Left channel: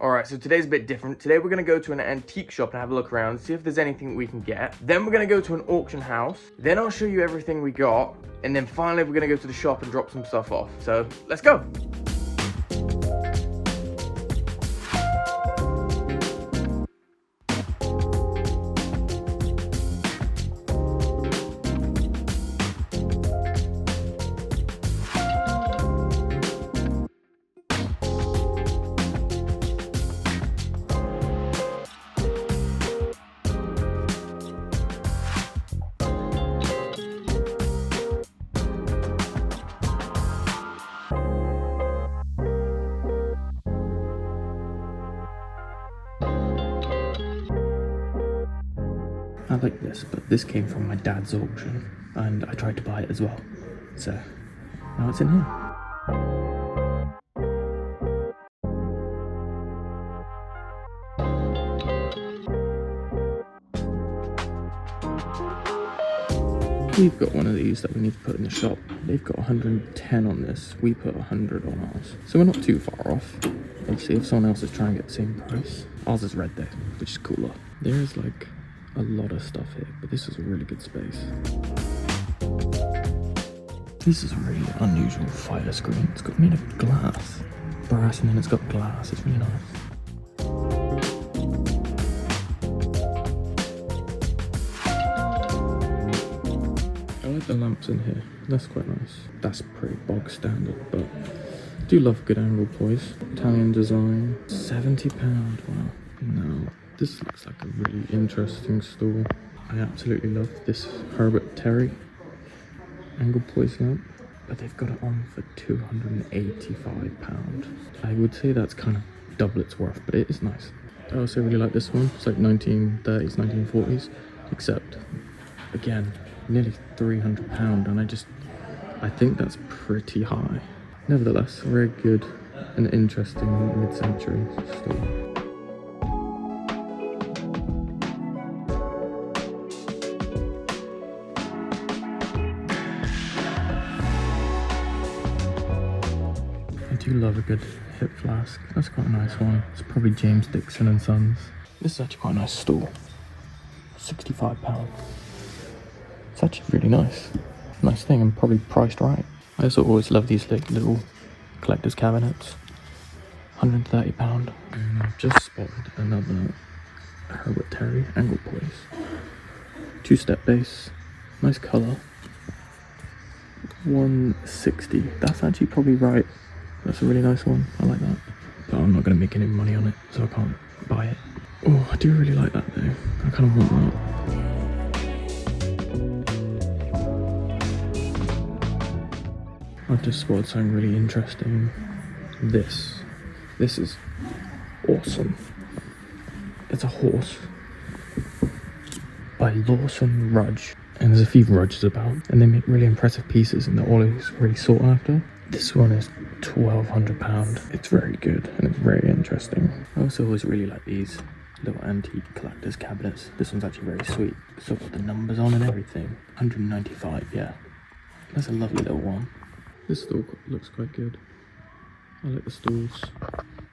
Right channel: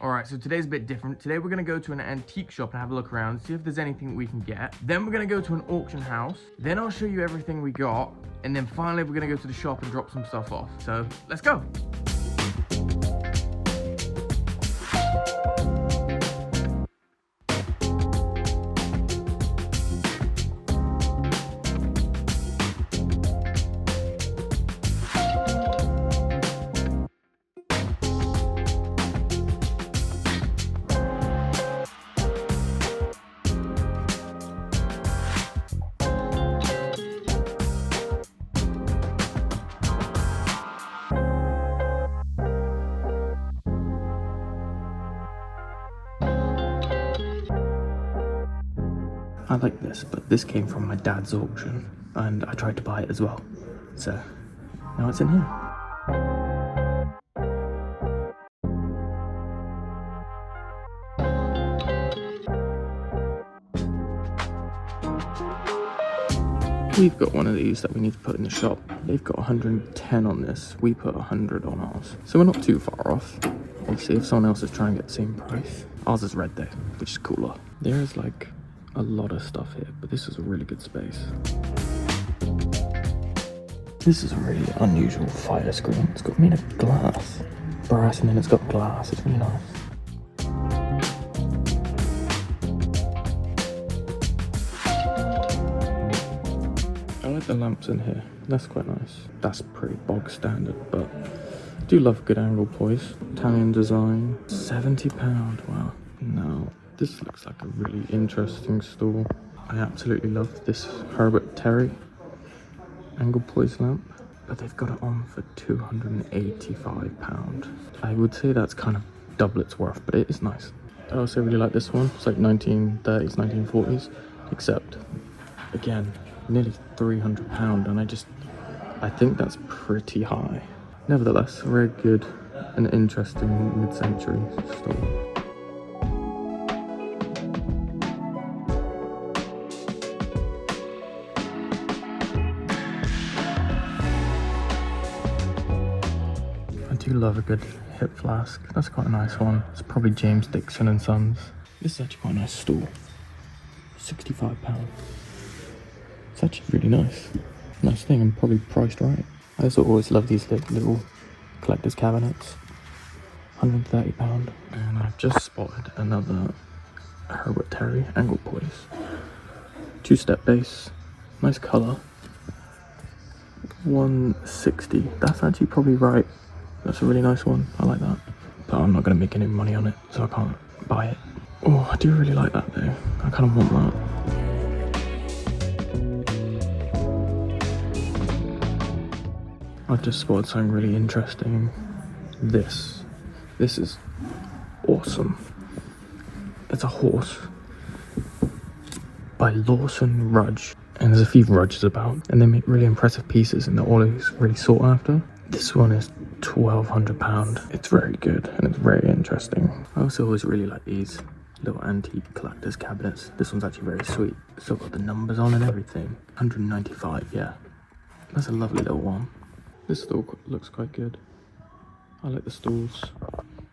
Alright, so today's a bit different. Today we're going to go to an antique shop and have a look around, see if there's anything we can get. Then we're going to go to an auction house. Then I'll show you everything we got. And then finally we're going to go to the shop and drop some stuff off. So, let's go! I like this, but this came from my dad's auction, and I tried to buy it as well. So, now it's in here. We've got one of these that we need to put in the shop. They've got 110 on this. We put 100 on ours. So we're not too far off. Let's see if someone else is trying to get the same price. Ours is red though, which is cooler. There's like a lot of stuff here, but this is a really good space. This is a really unusual fire screen. It's got made of glass. Brass, and then it's got glass. It's really nice. I like the lamps in here. That's quite nice. That's pretty bog standard, but I do love good angle poise. Italian design. £70. Wow. Now, this looks like a really interesting stool. I absolutely love this Herbert Terry angle poise lamp, but they've got it on for £285. I would say that's kind of double its worth, but it is nice. I also really like this one. It's like 1930s, 1940s, except again, nearly £300, and I think that's pretty high. Nevertheless, a very good and interesting mid-century stool. I do love a good hip flask. That's quite a nice one. It's probably James Dixon and Sons. This is actually quite a nice stool. £65. It's actually really nice. Nice thing, and probably priced right. I also always love these little collector's cabinets. £130. And I've just spotted another Herbert Terry angle poise. 2-step base. Nice colour. 160. That's actually probably right. That's a really nice one. I like that. But I'm not going to make any money on it, so I can't buy it. Oh, I do really like that though. I kind of want that. I've just spotted something really interesting. This is awesome. It's a horse by Lawson Rudge, and there's a few Rudges about, and they make really impressive pieces, and they're always really sought after. This one is £1,200. It's very good, and it's very interesting. I also always really like these little antique collector's cabinets. This one's actually very sweet. It's still got the numbers on and everything. 195, yeah. That's a lovely little one. This stool looks quite good. I like the stools.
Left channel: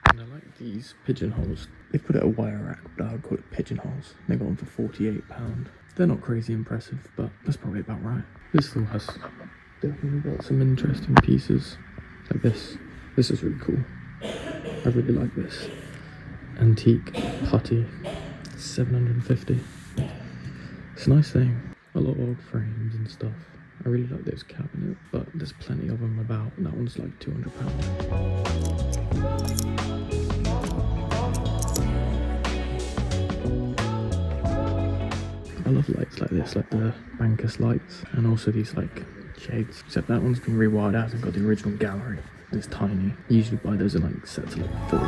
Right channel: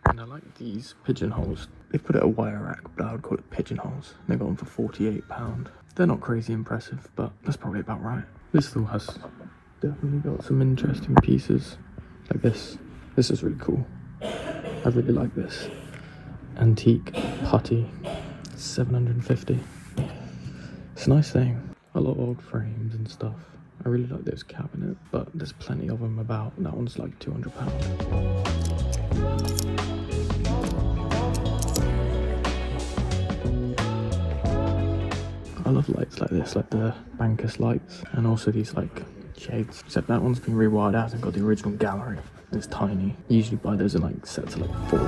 And I like these pigeonholes. They put it a wire rack, but I would call it pigeonholes. They got them for £48. They're not crazy impressive, but that's probably about right. This stool has definitely got some interesting pieces. Like this. This is really cool. I really like this. Antique putty. 750. It's a nice thing. A lot of old frames and stuff. I really like those cabinets, but there's plenty of them about. That one's like £200. I love lights like this, like the Bankus lights, and also these like shades. Except that one's been rewired out and got the original gallery. It's tiny. You usually buy those in like sets of like 4.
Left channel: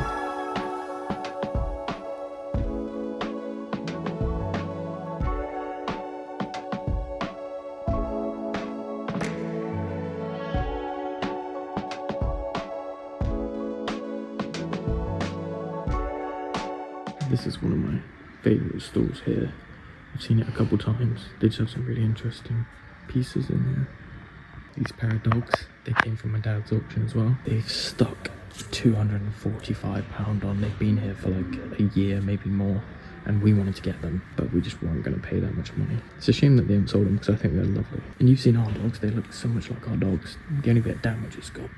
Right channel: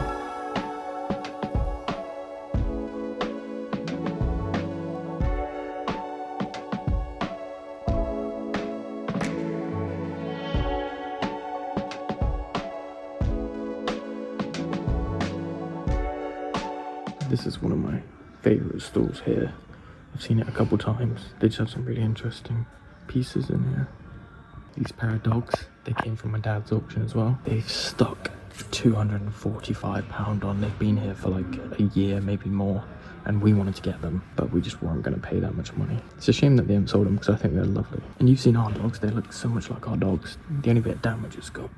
This is one of my favourite stools here. I've seen it a couple times. They just have some really interesting pieces in here. These pair of dogs, they came from my dad's auction as well. They've stuck for £245 on. They've been here for like a year, maybe more, and we wanted to get them, but we just weren't going to pay that much money. It's a shame that they haven't sold them because I think they're lovely. And you've seen our dogs, they look so much like our dogs. The only bit of damage it's got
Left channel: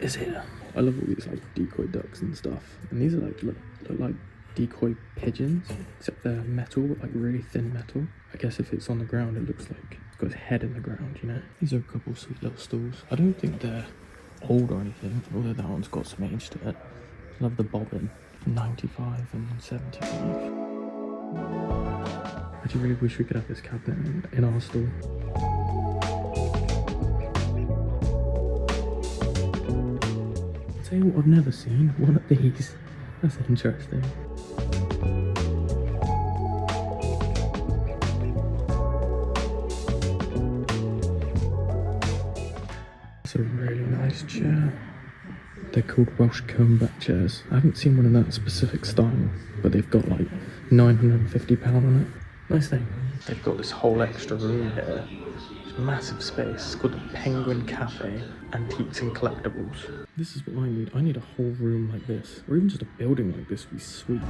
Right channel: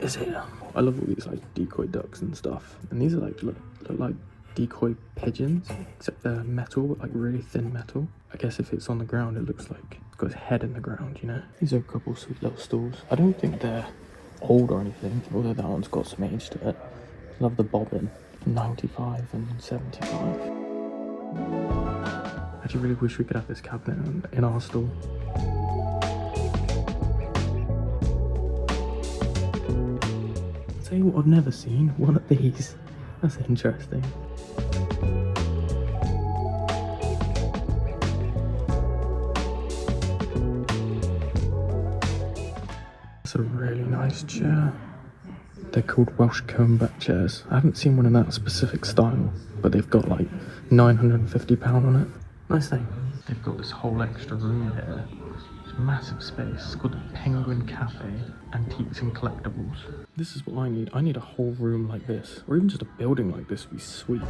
is here. I love all these like decoy ducks and stuff, and these are like look like decoy pigeons, except they're metal, like really thin metal. I guess if it's on the ground, it looks like it's got its head in the ground, you know. These are a couple of sweet little stools. I don't think they're old or anything, although that one's got some age to it. Love the bobbin. 95 and 75. I actually really wish we could have this cabinet in our store. I'll tell you what I've never seen, one of these. That's interesting. That's a really nice chair. They're called Welsh comb-back chairs. I haven't seen one in that specific style, but they've got like £950 on it. Nice thing. They've got this whole extra room here. It's massive space. It's called the Penguin Cafe, Antiques and Collectibles. This is what I need. I need a whole room like this, or even just a building like this would be sweet.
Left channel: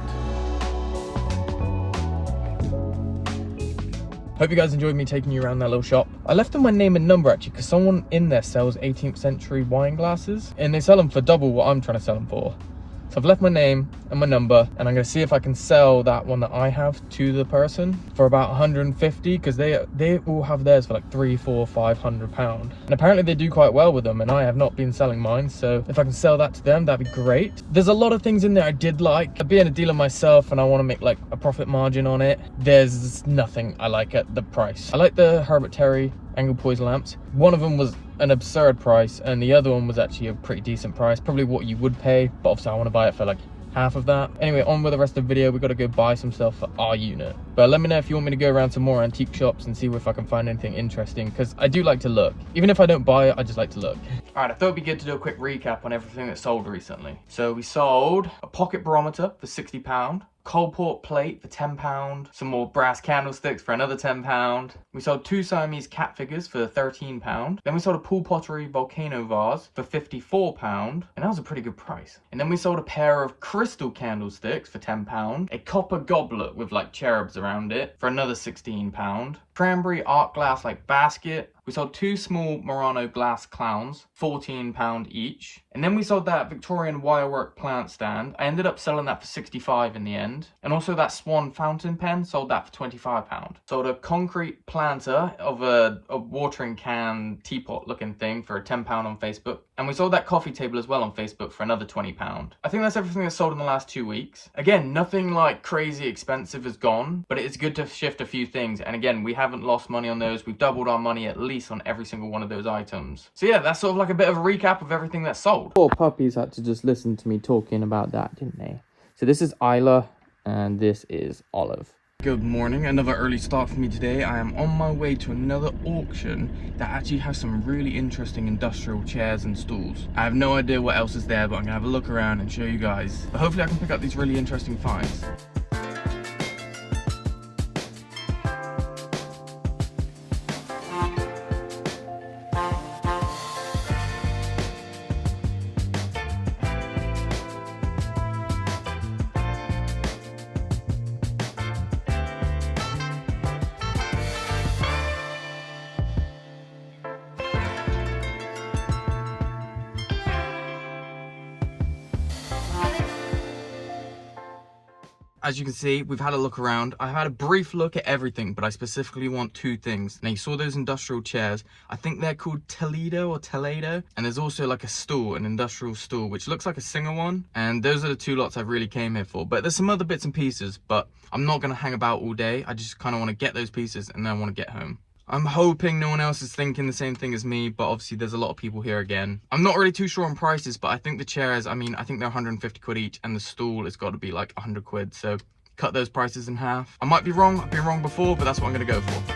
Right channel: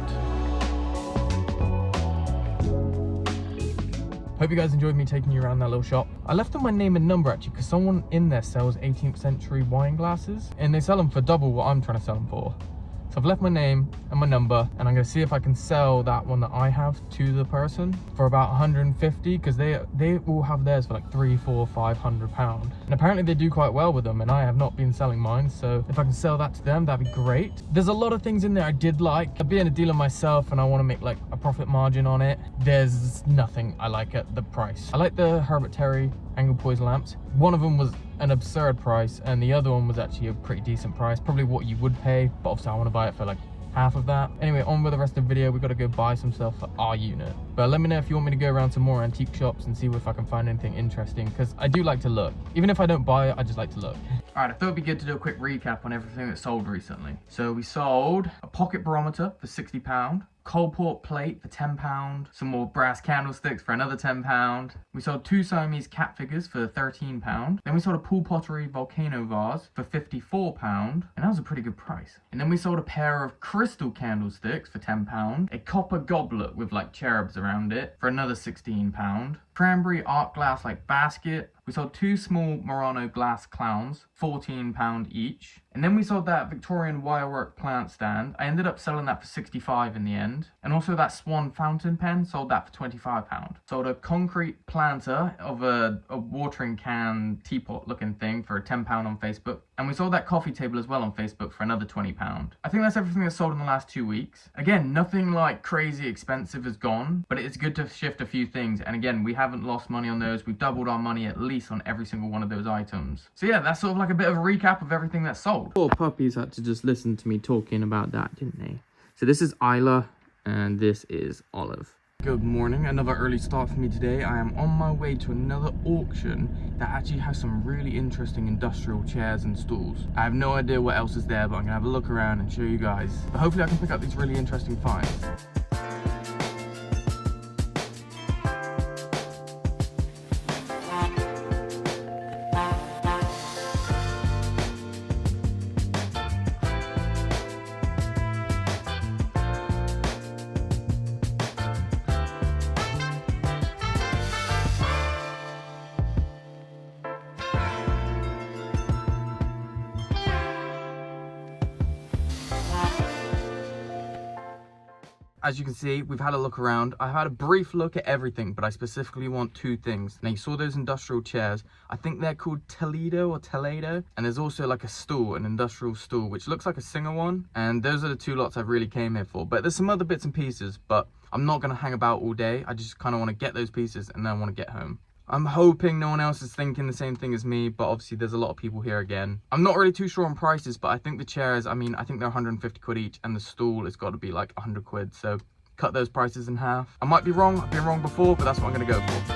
Hope you guys enjoyed me taking you around that little shop. I left them my name and number actually because someone in there sells 18th century wine glasses and they sell them for double what I'm trying to sell them for. So I've left my name and my number, and I'm going to see if I can sell that one that I have to the person for about 150, because they all have theirs for like £300, £400, £500, and apparently they do quite well with them, and I have not been selling mine. So if I can sell that to them, that'd be great. There's a lot of things in there I did like. Being a dealer myself and I want to make like a profit margin on it, there's nothing I like at the price. I like the Herbert Terry angle poison lamps. One of them was an absurd price and the other one was actually a pretty decent price, probably what you would pay, but obviously I want to buy it for like half of that. Anyway, on with the rest of the video. We got to go buy some stuff for our unit, but let me know if you want me to go around some more antique shops and see if I can find anything interesting, because I do like to look. Even if I don't buy it, I just like to look. All right, I thought it'd be good to do a quick recap on everything that sold recently. So we sold a pocket barometer for £60, Coalport plate for £10, some more brass candlesticks for another £10. We sold 2 Siamese cat figures for £13. Then we sold a pool pottery volcano vase for £54, and that was a pretty good price. And then we sold a pair of crystal candlesticks for £10, a copper goblet with like cherubs around it for another £16, cranberry art glass like basket. We sold 2 small Murano glass clowns, £14 each. And then we sold that Victorian wirework plant stand. I ended up selling that for £65 in the end. And also that Swan fountain pen, sold that for £25. Sold a concrete planter of a watering can teapot looking thing for £10 on Facebook. And we sold that coffee table as well on Facebook for another £20. I think that's everything that's sold in the last 2 weeks. Again, nothing like crazy expensive has gone, but it's good to shift a few things. And again, we haven't lost money on those. We've doubled our money at least on every single one of those items. So yeah, that's sort of like a bit of a recap of everything that's sold. Poor puppies had to just listen to me talking about that, didn't they? So this is Isla and this is Olive. Good morning, another early start for me today. I am on my way to another auction that actually has some really interesting industrial chairs and stools. I have no idea what else is there, but I'm gonna have a look around and show you guys. But hopefully I can pick up these really interesting finds. As you can see, we've had a look around. I've had a brief look at everything, but I specifically want 2 things. Now, you saw those industrial chairs. I think they're called Toledo or Toledo. And there's also like a stool, an industrial stool, which looks like a Singer one. And those are the 2 lots I really came here for. But there's some other bits and pieces, but I'm not going to hang about all day. I just kind of want to get those pieces and then I want to get home. I'm hoping no one else is thinking the same thing as me, but obviously there's a lot of people here again. I'm not really too sure on prices, but I think the chairs, I think they're 150 quid each, and the stool has got to be like 100 quid, so cut those prices in half. I might be wrong, I've been wrong before, but that's what I'm gonna go for.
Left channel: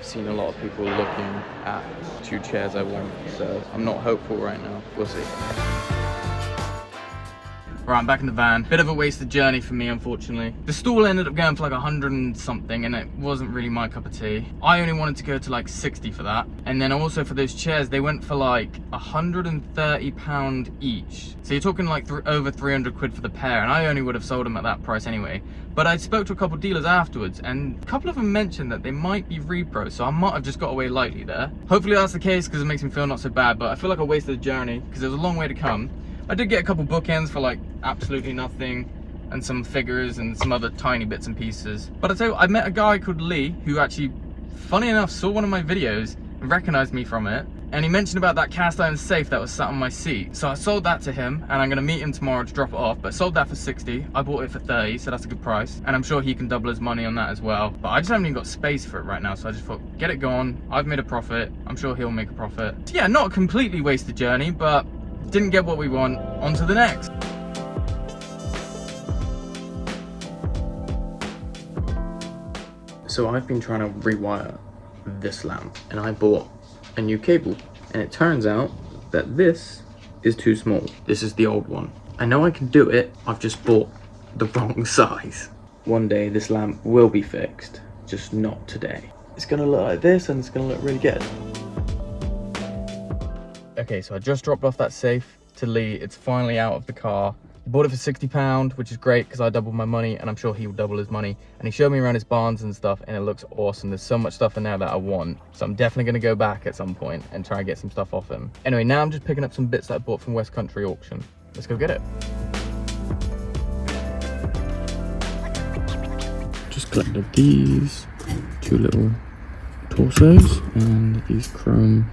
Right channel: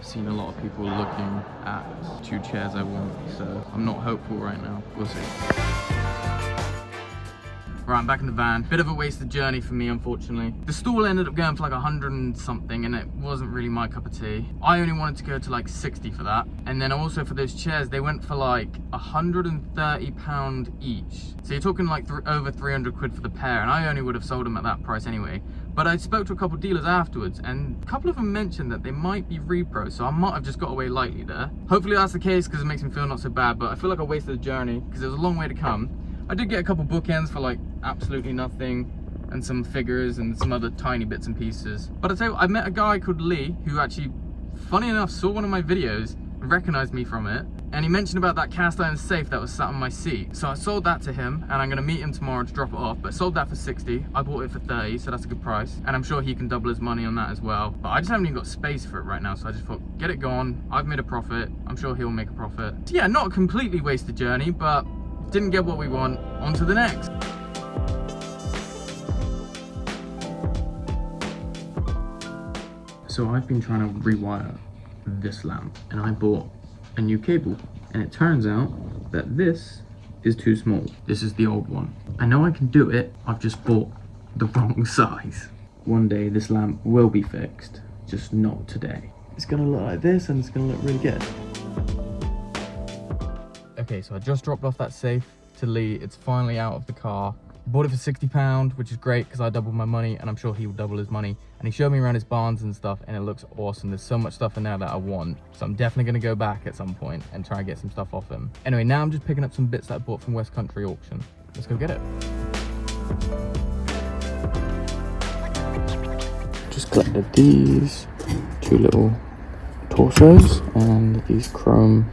Seen a lot of people looking at 2 chairs I want, so I'm not hopeful right now. We'll see. Right, I'm back in the van. Bit of a wasted journey for me, unfortunately. The stall ended up going for like 100 and something, and it wasn't really my cup of tea. I only wanted to go to like 60 for that. And then also for those chairs, they went for like £130 each. So you're talking like over 300 quid for the pair, and I only would have sold them at that price anyway. But I spoke to a couple of dealers afterwards, and a couple of them mentioned that they might be repro, so I might have just got away lightly there. Hopefully that's the case, because it makes me feel not so bad, but I feel like I wasted the journey, because there was a long way to come. I did get a couple bookends for like absolutely nothing, and some figures and some other tiny bits and pieces. But I tell you what, I met a guy called Lee who actually, funny enough, saw one of my videos and recognized me from it. And he mentioned about that cast iron safe that was sat on my seat. So I sold that to him, and I'm gonna meet him tomorrow to drop it off. But I sold that for 60. I bought it for 30, so that's a good price. And I'm sure he can double his money on that as well. But I just haven't even got space for it right now, so I just thought, get it going. I've made a profit. I'm sure he'll make a profit. So yeah, not a completely wasted journey, but didn't get what we want. On to the next. So I've been trying to rewire this lamp, and I bought a new cable, and it turns out that this is too small. This is the old one. I know I can do it, I've just bought the wrong size. One day this lamp will be fixed, just not today. It's gonna look like this, and it's gonna look really good. Okay, so I just dropped off that safe to Lee. It's finally out of the car. Bought it for £60, which is great because I doubled my money, and I'm sure he will double his money. And he showed me around his barns and stuff, and it looks awesome. There's so much stuff in there that I want. So I'm definitely gonna go back at some point and try and get some stuff off him. Anyway, now I'm just picking up some bits that I bought from West Country Auction. Let's go get it. Just collected these 2 little torsos and these chrome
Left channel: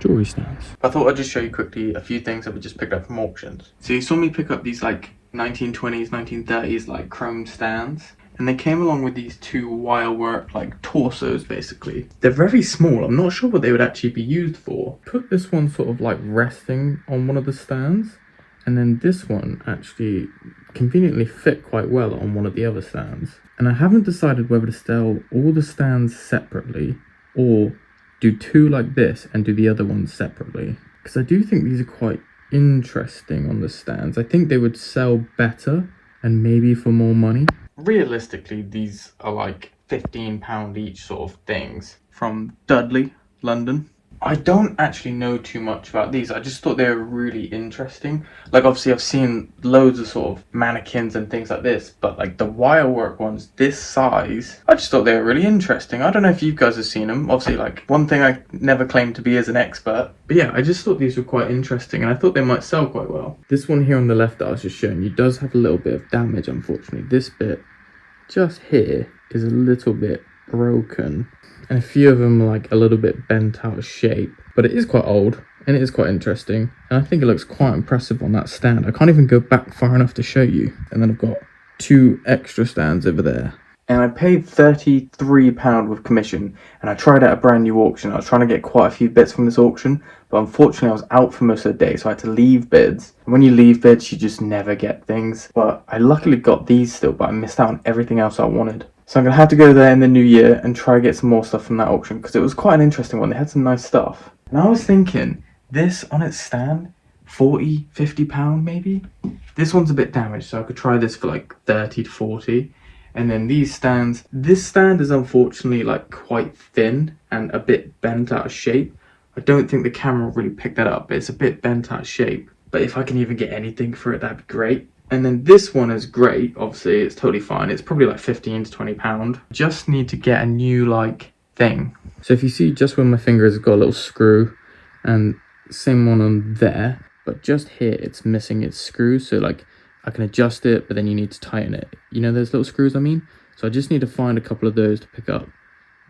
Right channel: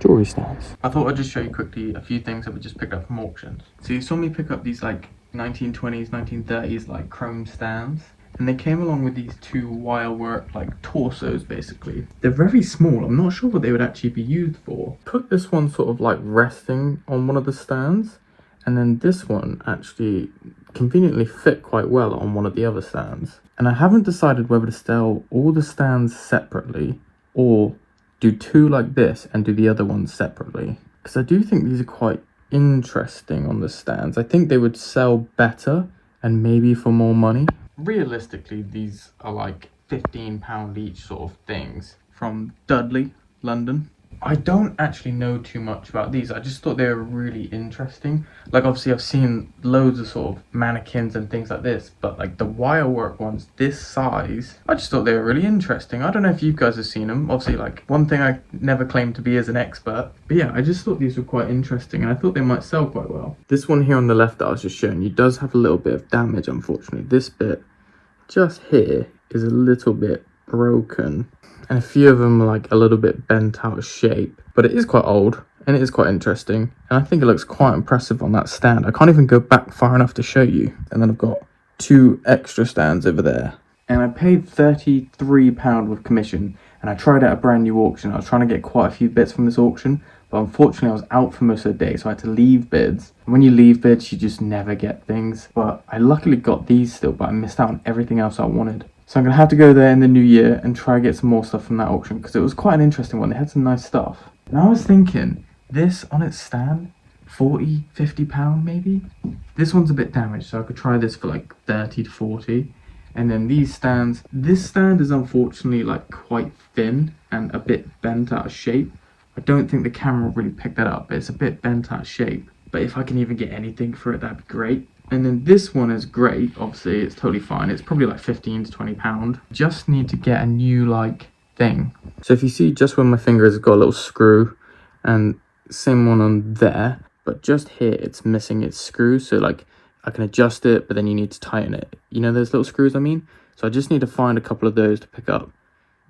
jewelry stands. I thought I'd just show you quickly a few things that we just picked up from auctions. So you saw me pick up these like 1920s, 1930s like chrome stands, and they came along with these 2 wire work like torsos basically. They're very small. I'm not sure what they would actually be used for. Put this one sort of like resting on one of the stands, and then this one actually conveniently fit quite well on one of the other stands. And I haven't decided whether to sell all the stands separately or do 2 like this and do the other ones separately, because I do think these are quite interesting on the stands. I think they would sell better and maybe for more money. Realistically, these are like £15 each sort of things from Dudley, London. I don't actually know too much about these. I just thought they were really interesting. Like obviously I've seen loads of sort of mannequins and things like this, but like the wire work ones this size, I just thought they were really interesting. I don't know if you guys have seen them. Obviously, like, one thing I never claimed to be as an expert, but yeah, I just thought these were quite interesting, and I thought they might sell quite well. This one here on the left that I was just showing you does have a little bit of damage, unfortunately. This bit just here is a little bit broken, and a few of them are like a little bit bent out of shape, but it is quite old and it is quite interesting, and I think it looks quite impressive on that stand. I can't even go back far enough to show you. And then I've got 2 extra stands over there, and I paid £33 with commission, and I tried out a brand new auction. I was trying to get quite a few bits from this auction, but unfortunately I was out for most of the day, so I had to leave bids. And when you leave bids, you just never get things. But I luckily got these still, but I missed out on everything else I wanted. So I'm going to have to go there in the new year and try to get some more stuff from that auction, because it was quite an interesting one. They had some nice stuff. And I was thinking, this on its stand, £40, £50 maybe? This one's a bit damaged, so I could try this for like 30 to 40. And then these stands, this stand is unfortunately like quite thin and a bit bent out of shape. I don't think the camera really picked that up, but it's a bit bent out of shape. But if I can even get anything for it, that'd be great. And then this one is great, obviously, it's totally fine. It's probably like 15 to 20 pound. Just need to get a new like thing. So if you see just where my finger has got a little screw, and same one on there, but just here it's missing its screw. So like I can adjust it, but then you need to tighten it. You know those little screws I mean? So I just need to find a couple of those to pick up.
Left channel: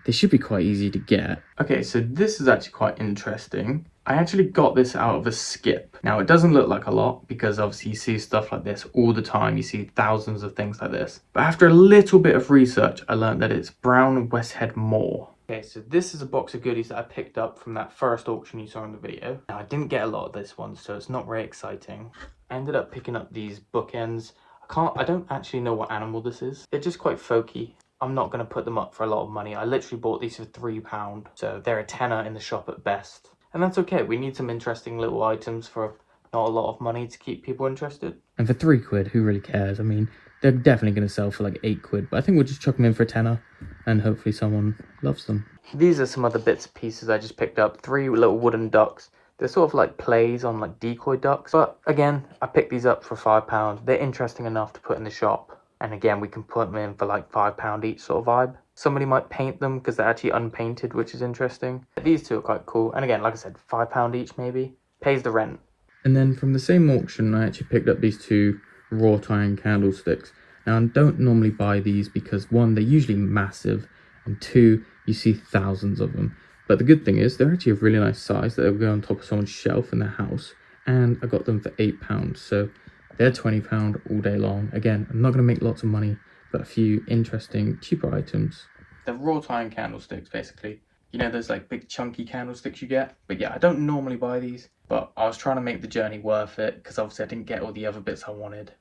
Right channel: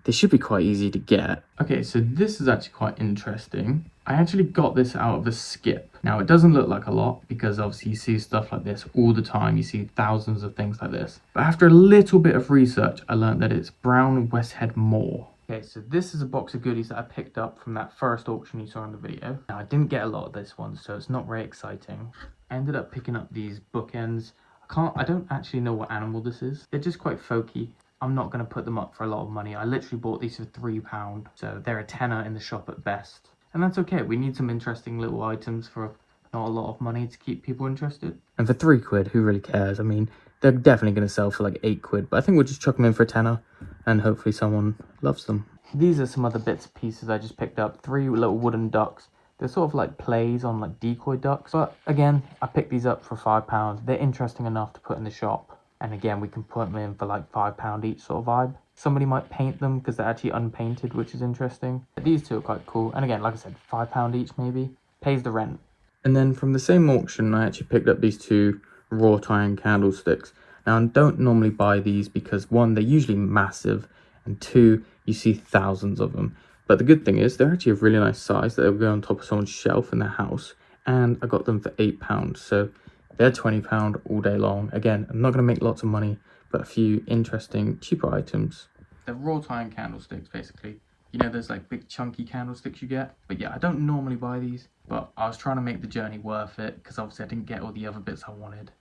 They should be quite easy to get. Okay, so this is actually quite interesting. I actually got this out of a skip. Now, it doesn't look like a lot because obviously you see stuff like this all the time. You see thousands of things like this. But after a little bit of research, I learned that it's Brown Westhead Moor. Okay, so this is a box of goodies that I picked up from that first auction you saw in the video. Now, I didn't get a lot of this one, so it's not very exciting. I ended up picking up these bookends. I don't actually know what animal this is. They're just quite folky. I'm not going to put them up for a lot of money. I literally bought these for £3, so they're a tenner in the shop at best. And that's okay. We need some interesting little items for not a lot of money to keep people interested. And for £3, who really cares? I mean, they're definitely going to sell for like £8, but I think we'll just chuck them in for a tenner and hopefully someone loves them. These are some other bits and pieces I just picked up. 3 little wooden ducks. They're sort of like plays on like decoy ducks. But again, I picked these up for £5. They're interesting enough to put in the shop. And again, we can put them in for like £5 each sort of vibe. Somebody might paint them because they're actually unpainted, which is interesting. These two are quite cool. And again, like I said, £5 each maybe. Pays the rent. And then from the same auction, I actually picked up these 2 wrought iron candlesticks. Now, I don't normally buy these because 1, they're usually massive, and 2, you see thousands of them. But the good thing is they're actually a really nice size that will go on top of someone's shelf in their house. And I got them for £8. So they're £20 all day long. Again, I'm not going to make lots of money, but a few interesting, cheaper items. They're wrought iron candlesticks, basically. You know, those like big chunky candlesticks you get. But yeah, I don't normally buy these, but I was trying to make the journey worth it because obviously I didn't get all the other bits I wanted.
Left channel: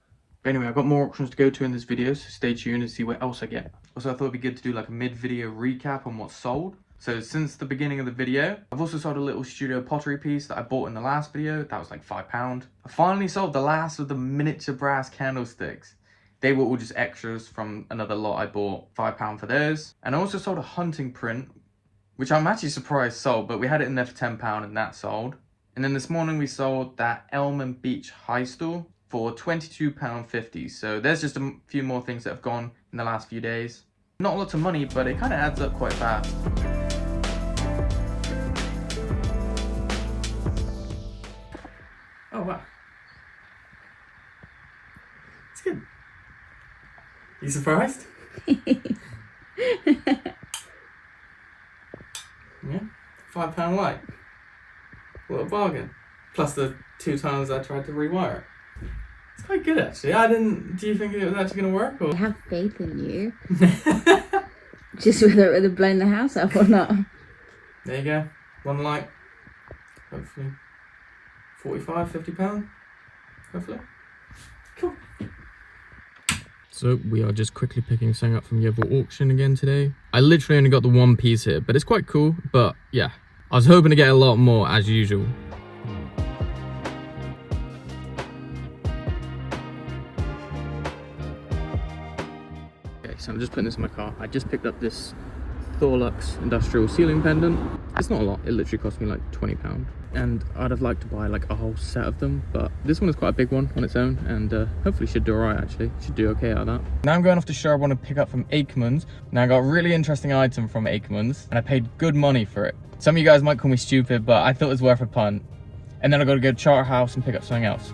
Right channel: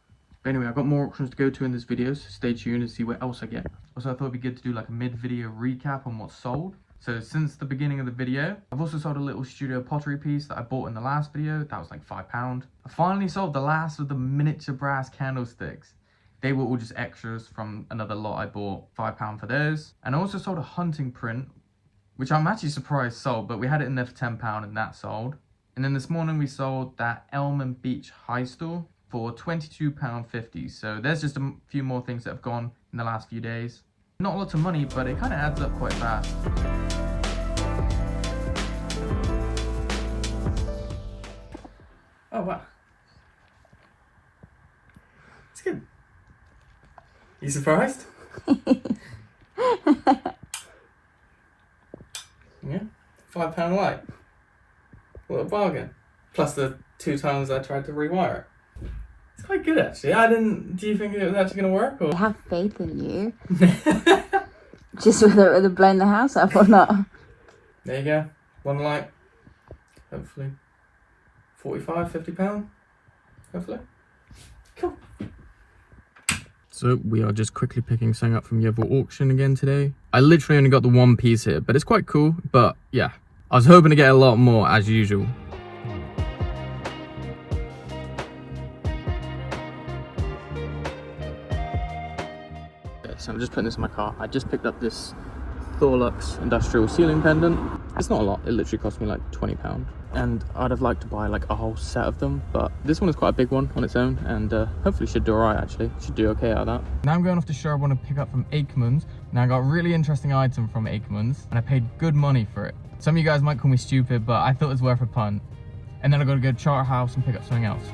But anyway, I've got more auctions to go to in this video, so stay tuned and see what else I get. Also, I thought it'd be good to do like a mid-video recap on what's sold. So since the beginning of the video, I've also sold a little studio pottery piece that I bought in the last video. That was like £5. I finally sold the last of the miniature brass candlesticks. They were all just extras from another lot I bought. £5 for those. And I also sold a hunting print, which I'm actually surprised sold, but we had it in there for £10 and that sold. And then this morning we sold that Elm and Beach high stool for £22.50. So there's just a few more things that have gone in the last few days. Not lots of money, but it kind of adds up quite fast. Oh wow. It's good. You surprised? Yeah, £5 light. What a bargain. Plus the 2 times I tried to rewire it. It's quite good actually. Do you think it was actually going to work? Or? I have faith in you. Just whether it would have blown the house up or not. There you go. 1 light. Hopefully. £45–50. Hopefully. Cool. So we are just quickly picking something up from the other auction again today. I literally only got the 1 piece here, but it's quite cool. But yeah, I was hoping to get a lot more as usual. So I'm just putting this in my car. I just picked up this Thorlux industrial ceiling pendant. It's not a lot, it literally cost me like £20. And I'd have liked to buy like a whole set of them, but this one is quite a big one on its own, and hopefully should do alright actually. Should do okay out of that. Now I'm going off to show I want to pick up from Ackermans. Now I got a really interesting item from Ackermans, and I paid good money for it. Some of you guys might call me stupid, but I thought it was worth a punt. And then I got to go to Charterhouse and pick up something else.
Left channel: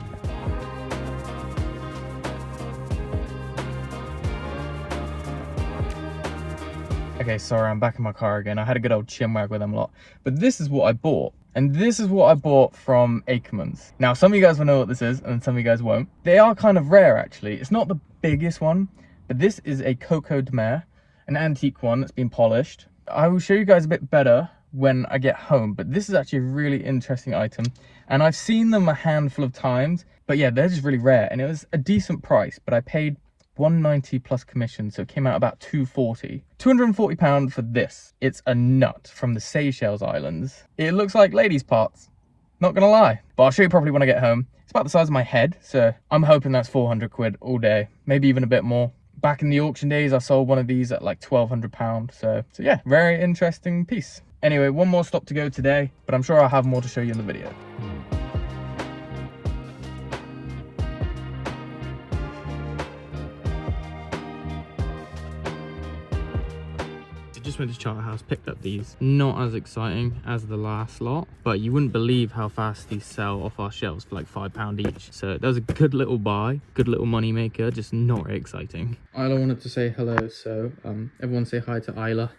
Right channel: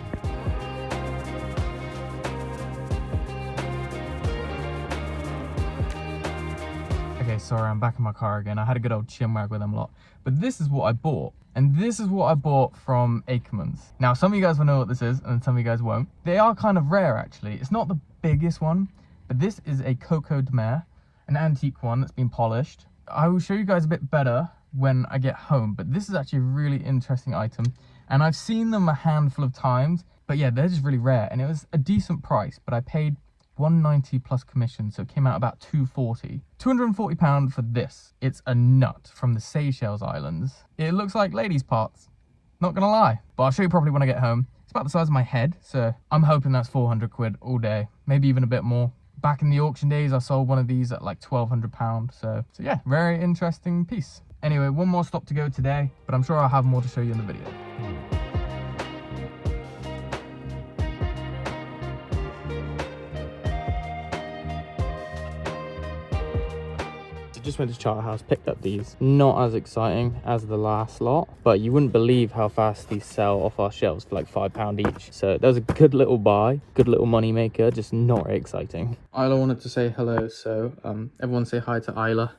Okay, sorry, I'm back in my car again. I had a good old chinwag with them a lot. But this is what I bought. And this is what I bought from Ackermans. Now, some of you guys will know what this is, and some of you guys won't. They are kind of rare, actually. It's not the biggest one, but this is a Coco de Mer, an antique one that's been polished. I will show you guys a bit better when I get home, but this is actually a really interesting item. And I've seen them a handful of times, but yeah, they're just really rare. And it was a decent price, but I paid £190 plus commission, so it came out about £240. £240 for this. It's a nut from the Seychelles Islands. It looks like ladies' parts, not gonna lie, but I'll show you properly when I get home. It's about the size of my head, so I'm hoping that's 400 quid all day, maybe even a bit more. Back in the auction days, I sold one of these at like £1,200, so yeah, very interesting piece. Anyway, one more stop to go today, but I'm sure I'll have more to show you in the video. Just went to Charterhouse, picked up these. Not as exciting as the last lot, but you wouldn't believe how fast these sell off our shelves for like £5 each. So that was a good little buy, good little money maker, just not exciting. Isla wanted to say hello, so everyone say hi to Isla,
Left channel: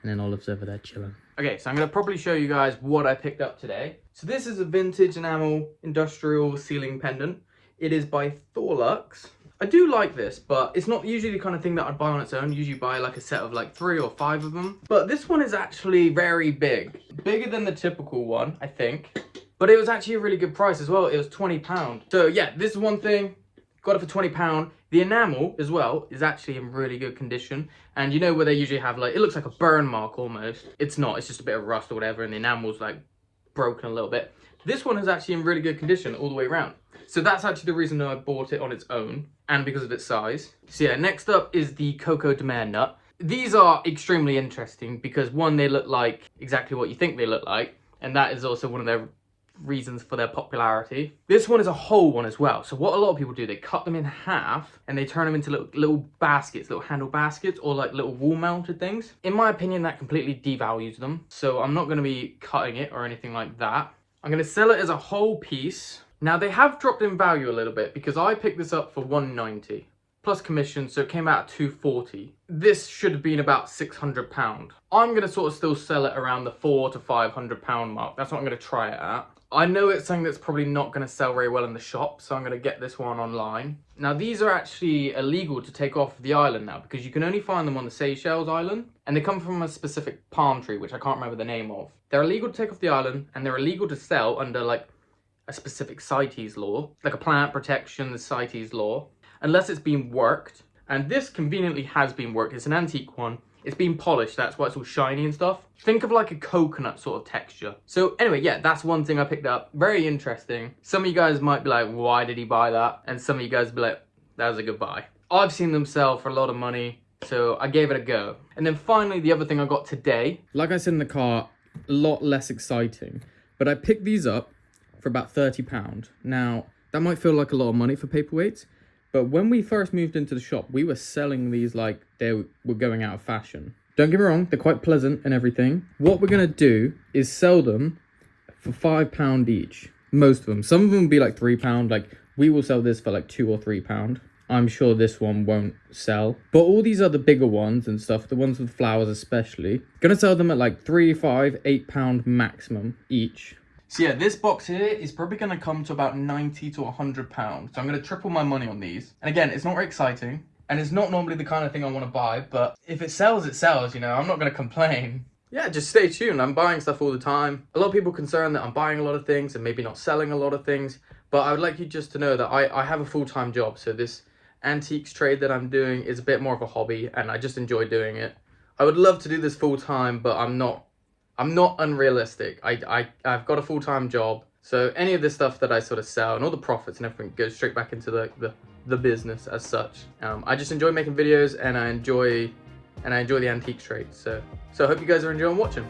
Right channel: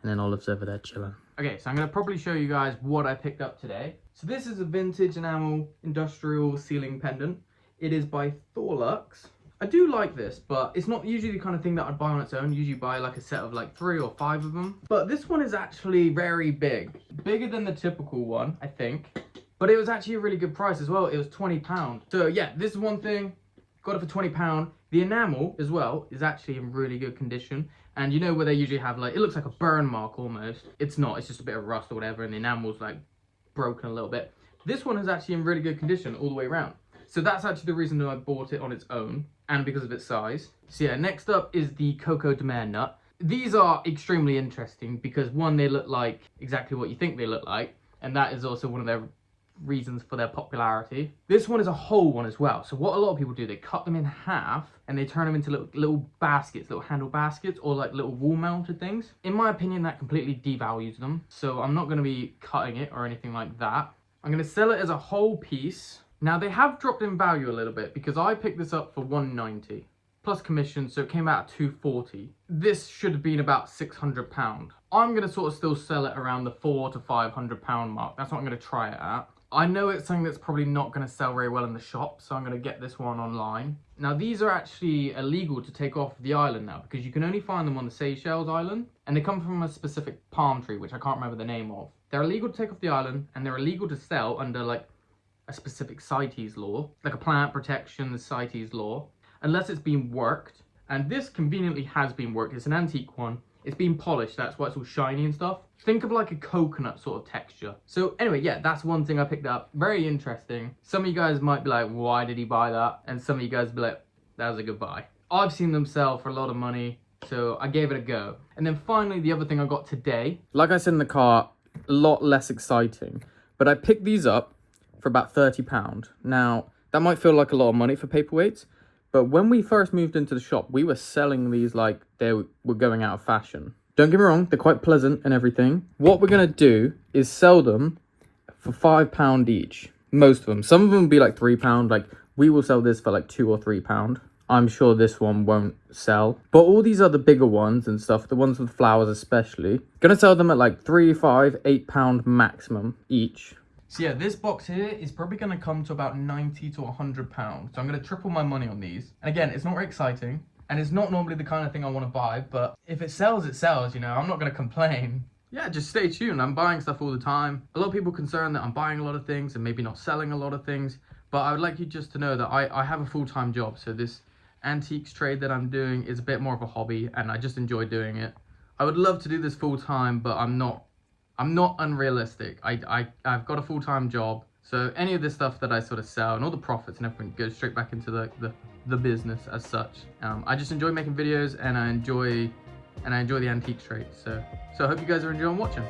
and then Olive's over there chilling. Okay, so I'm gonna probably show you guys what I picked up today. So this is a vintage enamel industrial ceiling pendant. It is by Thorlux. I do like this, but it's not usually the kind of thing that I'd buy on its own. Usually buy like a set of like 3 or 5 of them. But this one is actually very big. Bigger than the typical one, I think. But it was actually a really good price as well. It was £20. So yeah, this is one thing. Got it for £20. The enamel as well is actually in really good condition. And you know where they usually have like, it looks like a burn mark almost. It's not, it's just a bit of rust or whatever, and the enamel's like broken a little bit. This one is actually in really good condition all the way around. So that's actually the reason I bought it on its own, and because of its size. So yeah, next up is the Coco de Mer nut. These are extremely interesting because one, they look like exactly what you think they look like, and that is also one of their reasons for their popularity. This one is a whole one as well. So what a lot of people do, they cut them in half and they turn them into little baskets, little handle baskets, or like little wall mounted things. In my opinion, that completely devalues them. So I'm not going to be cutting it or anything like that. I'm going to sell it as a whole piece. Now they have dropped in value a little bit because I picked this up for $190 plus commission, so it came out at $240. This should have been about £600. I'm going to sort of still sell it around the £400 to £500 mark. That's what I'm going to try it at. I know it's something that's probably not going to sell very well in the shop, so I'm going to get this one online. Now these are actually illegal to take off the island now because you can only find them on the Seychelles Island, and they come from a specific palm tree, which I can't remember the name of. They're illegal to take off the island, and they're illegal to sell under like a specific CITES law, like a plant protection CITES law, unless it's been worked. And this conveniently has been worked. It's an antique one. It's been polished, that's why it's all shiny and stuff. Think of like a coconut sort of texture. So anyway, yeah, that's one thing I picked up. Very interesting. Some of you guys might be like, why did he buy that? And some of you guys be like, that was a good buy. I've seen them sell for a lot of money, so I gave it a go. And then finally, the other thing I got today. Like I said in the car, a lot less exciting. But I picked these up for about £30. Now, that might feel like a lot of money for paperweights, but when we first moved into the shop, we were selling these like they were going out of fashion. Don't get me wrong, they're quite pleasant and everything. What we're going to do is sell them for £5 each. Most of them. Some of them will be like £3. Like, we will sell this for like £2 or £3. I'm sure this one won't sell. But all these other bigger ones and stuff, the ones with flowers especially, going to sell them at like £3, £5, £8 maximum each. So yeah, this box here is probably going to come to about £90 to £100. So I'm going to triple my money on these. And again, it's not very exciting. And it's not normally the kind of thing I want to buy. But if it sells, it sells, you know. I'm not going to complain. Yeah, just stay tuned. I'm buying stuff all the time. A lot of people are concerned that I'm buying a lot of things and maybe not selling a lot of things. But I would like you just to know that I have a full-time job. So this antiques trade that I'm doing is a bit more of a hobby. And I just enjoy doing it. I would love to do this full-time, but I'm not unrealistic. I've got a full-time job, so any of this stuff that I sort of sell and all the profits and everything goes straight back into the business as such. I just enjoy making videos, and I enjoy the antique trade. So I hope you guys are enjoying watching.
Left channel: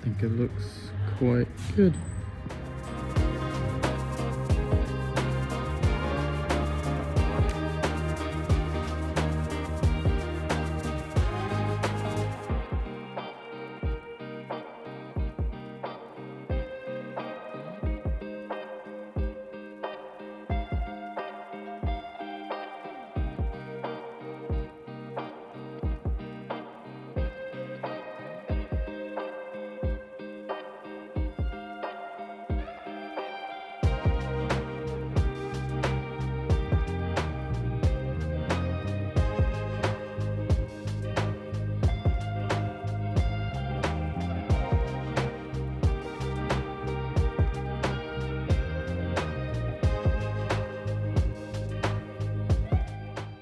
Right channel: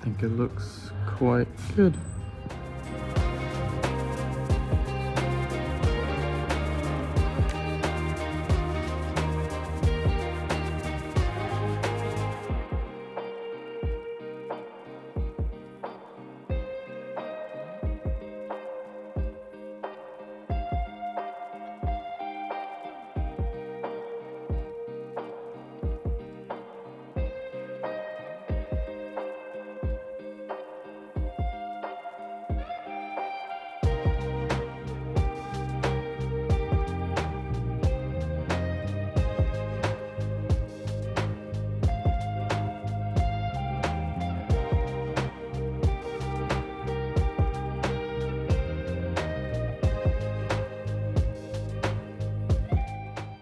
I think it looks quite good.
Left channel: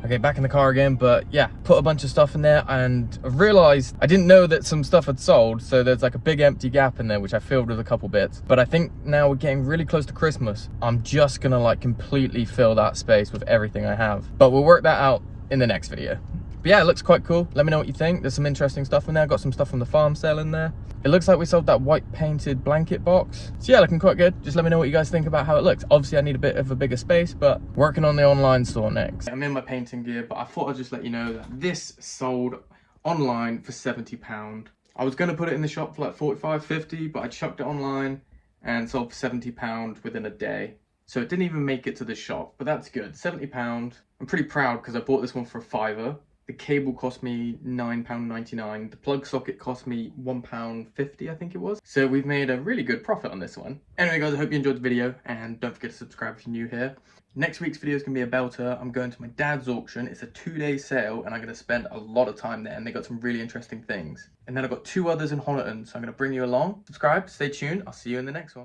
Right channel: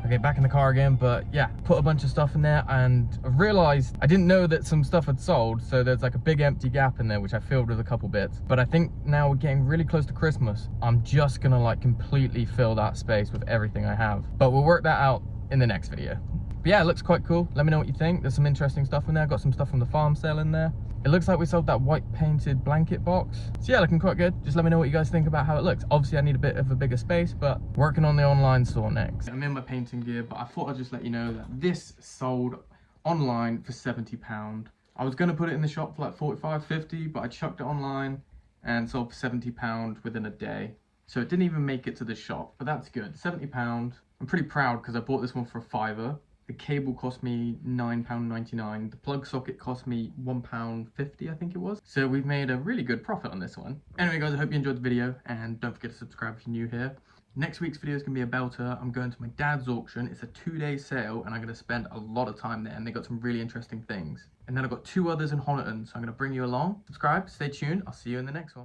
Okay, back in the car again, but yeah, put a bunch of stuff in there, and I realized I didn't know that some stuff had sold, so there's like a big empty gap in there which I filled with a couple bits. But I think now we're getting really close to Christmas. I'm just gonna like completely fill that space with everything I have, but we'll work that out in the next video. But yeah, it looks quite cool. Let me know what you think. There's some interesting stuff in there. I got some stuff from the farm sale in there. It looks like we sold that white painted blanket box. So yeah, looking quite good. Just let me know what you guys think about how it looks. Obviously I need a bit of a bigger space, but working on the online store next. I'm in my painting gear, but I thought I'd just let you know that this sold online for £70. I was gonna put it in the shop for like 45, 50, but I chucked it online and sold for £70 within a day. So it didn't even make it to the shop, but that's good. £70. I'm pretty proud because I bought this one for a £5. The cable cost me £9.99. The plug socket cost me £1.50, I think it was. So we've made a really good profit on this one. Anyway guys, I hope you enjoyed the video, and don't forget to subscribe if you're new here. Next week's video is going to be a belter. I'm going to my dad's auction. It's a 2-day sale, and I'm going to spend a lot of time there, and they got some really interesting things. And then I've got 2 others in Honiton, so I'm going to bring you along. Subscribe, stay tuned. I'll see you in the next one.